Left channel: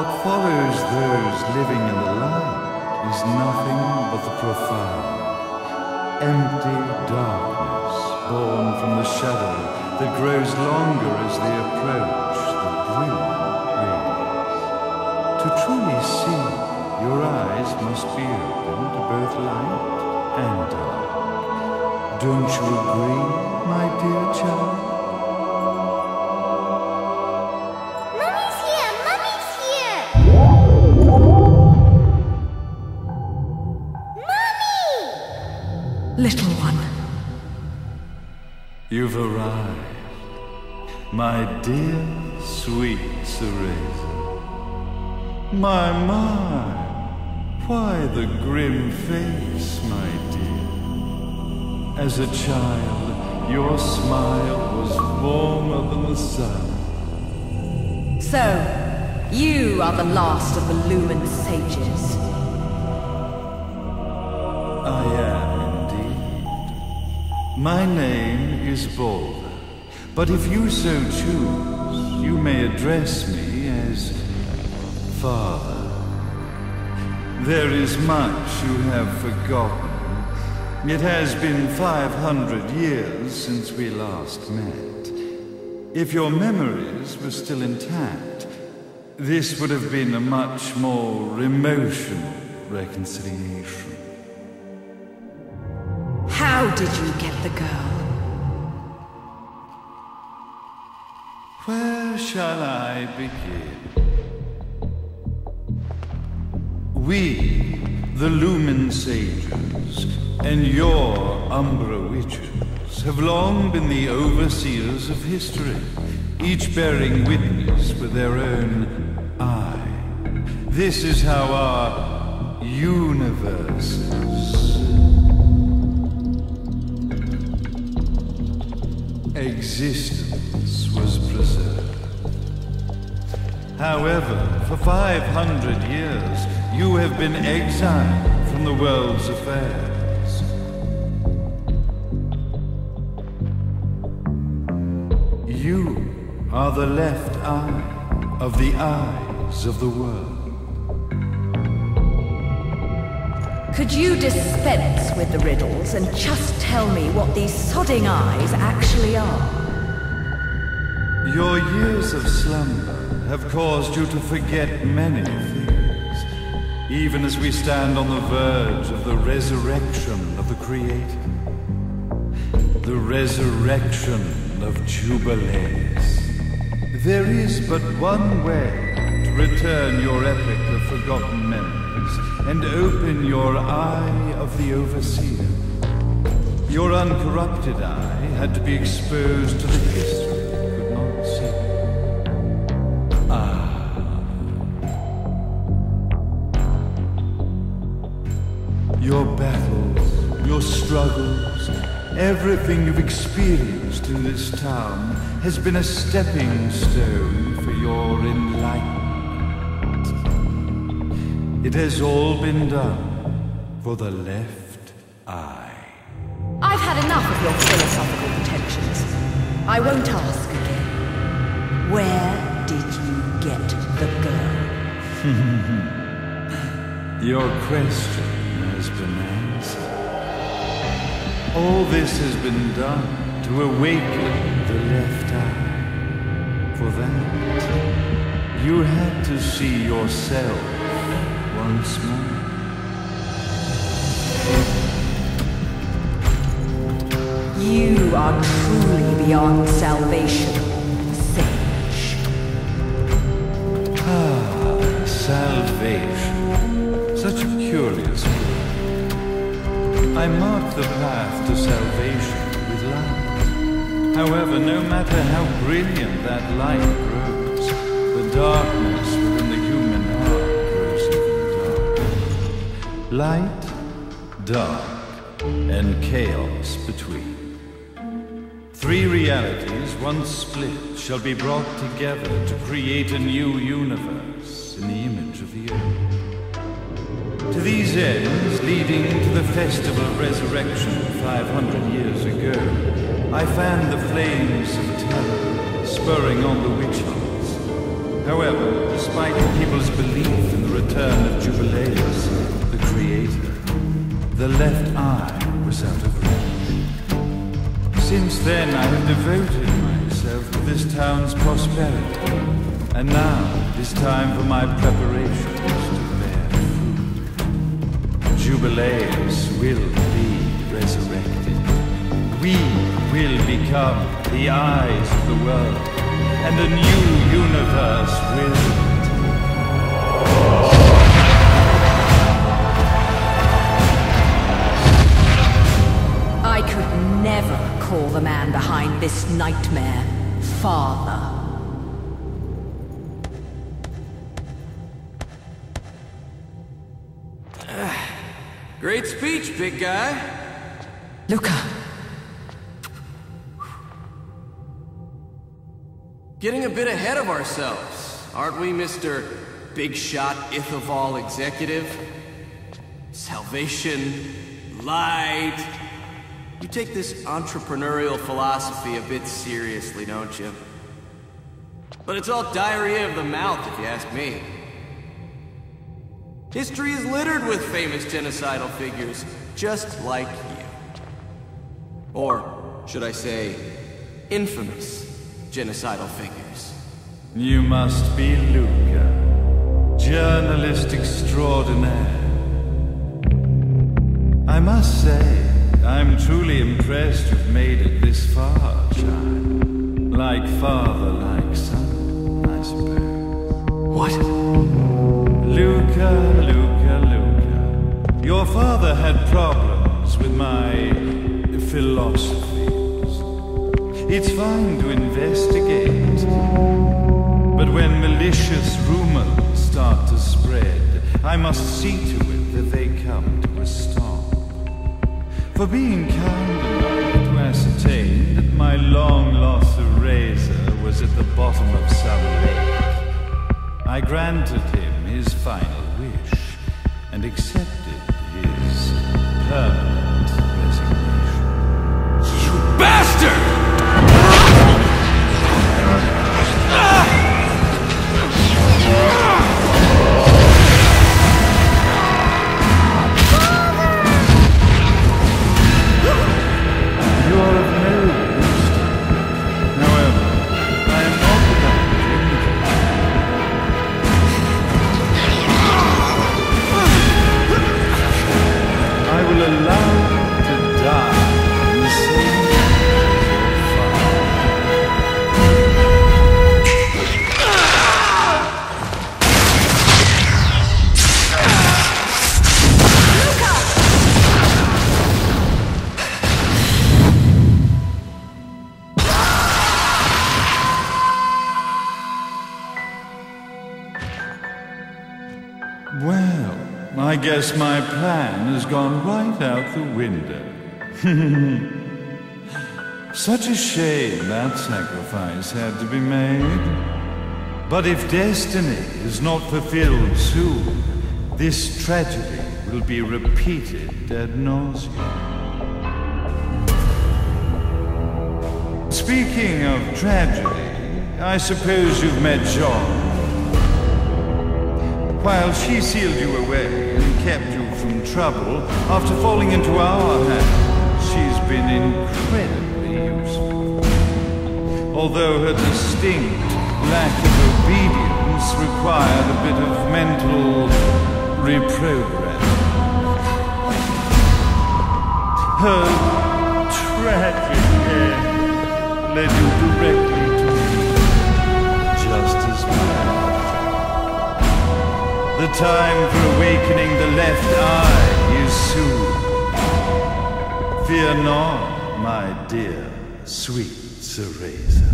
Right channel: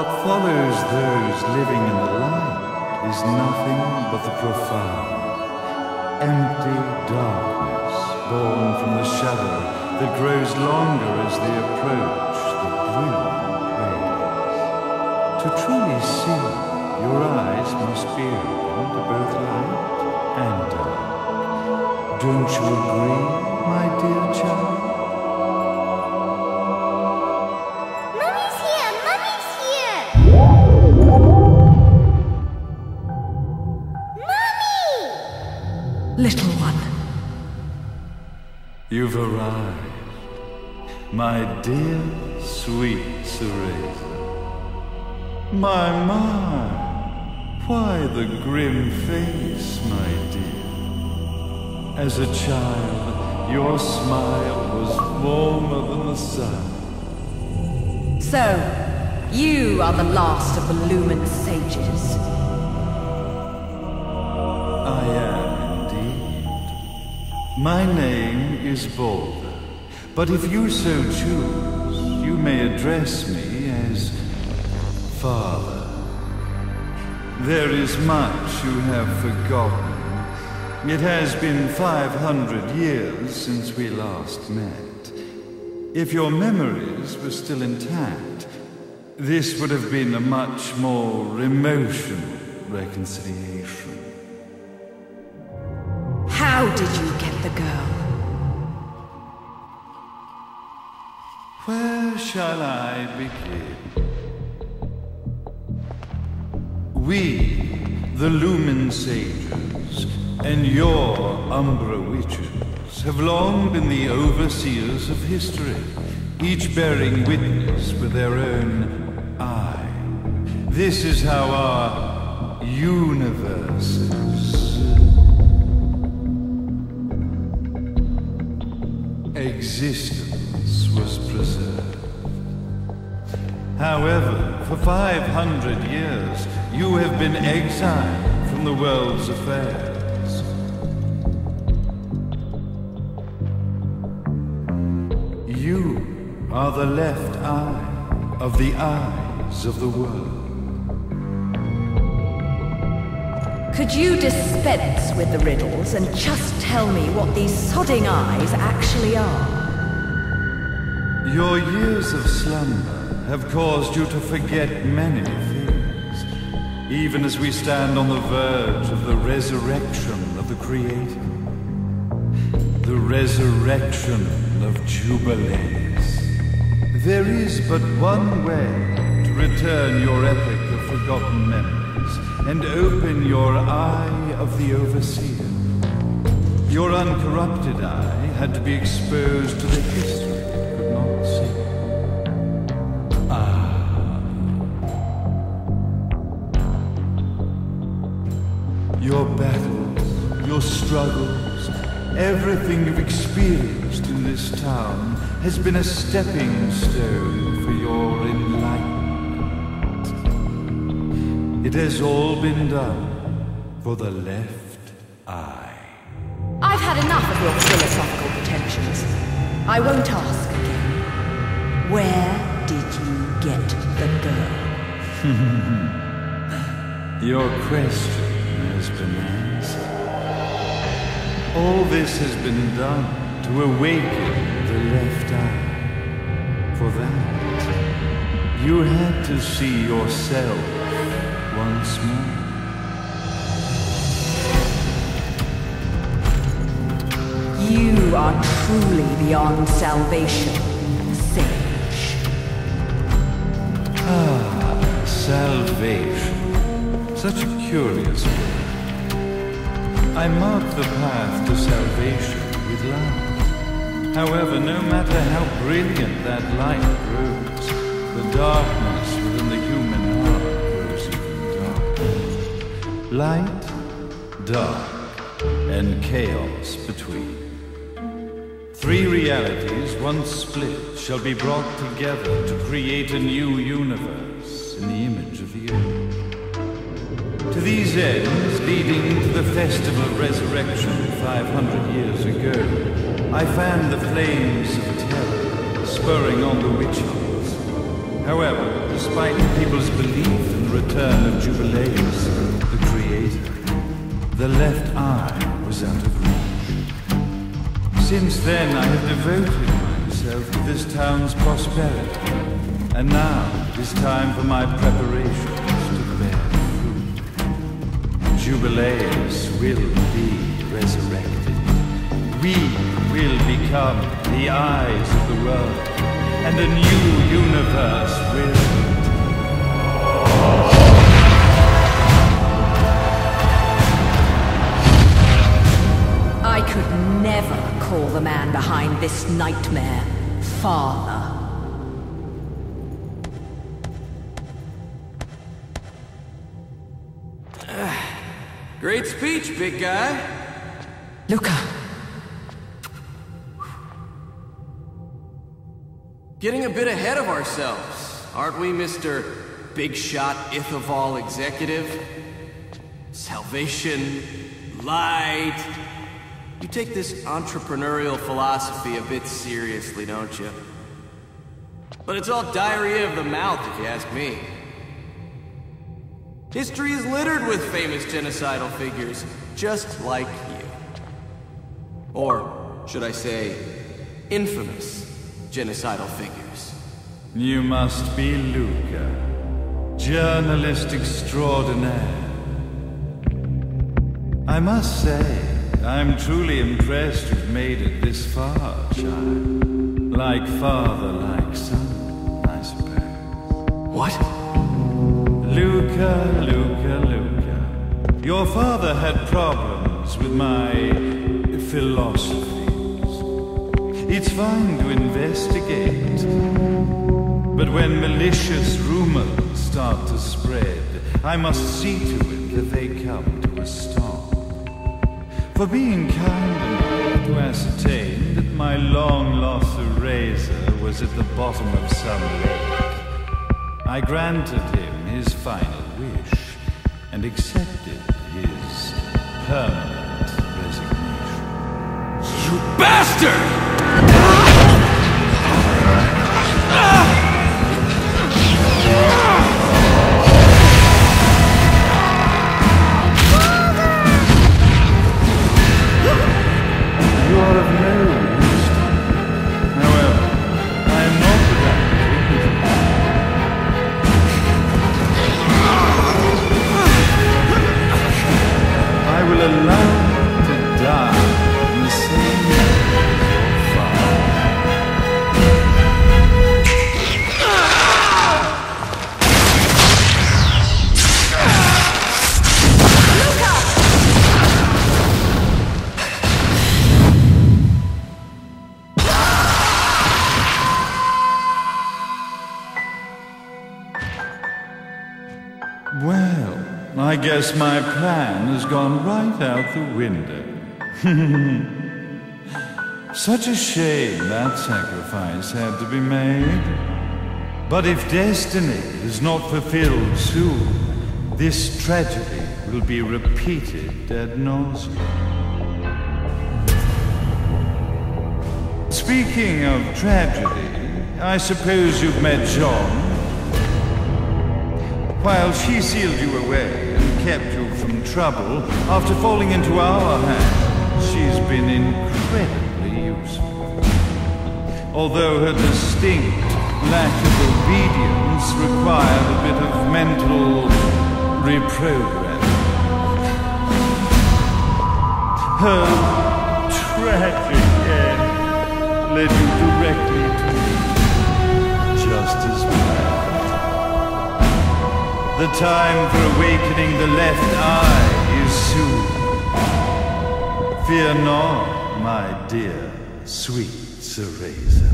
What follows those living in the light is nothing but the profound, empty darkness born from the shadow that grows longer as they approach the brilliant rays. To truly see, your eyes must be open to both light and dark. Don't you agree, my dear child? Mummy's here! Mummy's here! Mummy! Little one. You've arrived, my dear, sweet Cereza. My, why the grim face, my dear? As a child, your smile was warmer than the sun. So, you are the last of the Lumen sages. I am indeed. My name is Balder, but if you so choose, you may address me as Father. There is much you have forgotten. It has been 500 years since we last met. If your memories were still intact, this would have been a much more emotional reconciliation. How did you get the girl? Where shall I begin? We, the Lumen sages, and your Umbra witches, have long been the overseers of history, each bearing witness with their own eye. This is how our universe's existence was preserved. However, for 500 years, you have been exiled from the world's affairs. You are the left eye of the eyes of the world. Could you dispense with the riddles and just tell me what these sodding eyes actually are? Your years of slumber have caused you to forget many things, even as we stand on the verge of the resurrection of the Creator. The resurrection of Jubilees. There is but one way to return your epic of forgotten memories and open your eye of the Overseer. Your uncorrupted eye had to be exposed to the history it could not see. Your battles, your struggles, everything you've experienced in this town has been a stepping stone for your enlightenment. It has all been done for the left eye. I've had enough of your philosophical pretensions. I won't ask again. Where did you get the girl? Your question has been answered. All this has been done to awaken the left eye. For that, you had to see yourself once more. You are truly beyond salvation, sage. Salvation. Such a curious word. I mark the path to salvation with light. However, no matter how brilliant that light grows, the darkness within the human heart grows even darker. Light, dark, and chaos between. Three realities, once split, shall be brought together to create a new universe in the image of the earth. To these ends, leading to the Festival of Resurrection 500 years ago, I fanned the flames of terror, spurring on the witch hunts. However, despite people's belief in the return of Jubileus, the Creator, the left eye was out of reach. Since then, I have devoted myself to this town's prosperity, and now it is time for my preparations to bear fruit. Jubileus will be resurrected. We will become the eyes of the world, and a new universe will. I could never call the man behind this nightmare father. Great speech, big guy. Luca. Getting a bit ahead of ourselves, aren't we, Mr. Big Shot Ithaval Executive? Salvation, light. You take this entrepreneurial philosophy a bit seriously, don't you? But it's all diarrhea of the mouth, if you ask me. History is littered with famous genocidal figures, just like you. Or, should I say, infamous genocidal figures. You must be Luca, journalist extraordinaire. I must say, I'm truly impressed you've made it this far, child. Like father, like son, I suppose. What? Luca. Your father had problems with my philosophies. It's fine to investigate, but when malicious rumors start to spread, I must see to it that they come to a stop. For being kind enough to ascertain that my long-lost eraser was at the bottom of some lake, I granted him his final wish and accepted his permanent resignation. You bastard! You are of no use to me. However, I am not without dignity. I will allow you to die in the same way as your father. Luca! Well, I guess my plan has gone right out the window. Such a shame that sacrifice had to be made. But if destiny is not fulfilled soon, this tragedy will be repeated ad nauseam. Speaking of tragedy, I suppose you've met Jean. While she sealed you away and kept you from trouble, after falling into our hands, she's been incredibly useful. Although her distinct lack of obedience required a bit of mental reprogramming. Her tragic end led you directly to me, just as planned. The time for awakening the left eye is soon. Fear not, my dear, sweet Cereza.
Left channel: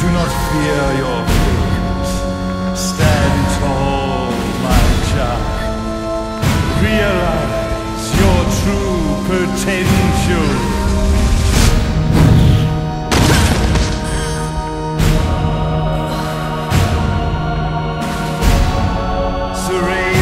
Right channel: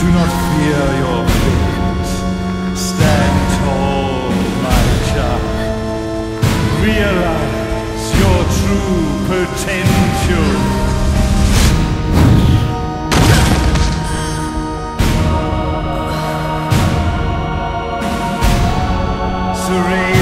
Do not fear your failures. Stand tall, my child. Realize your true potential. to raise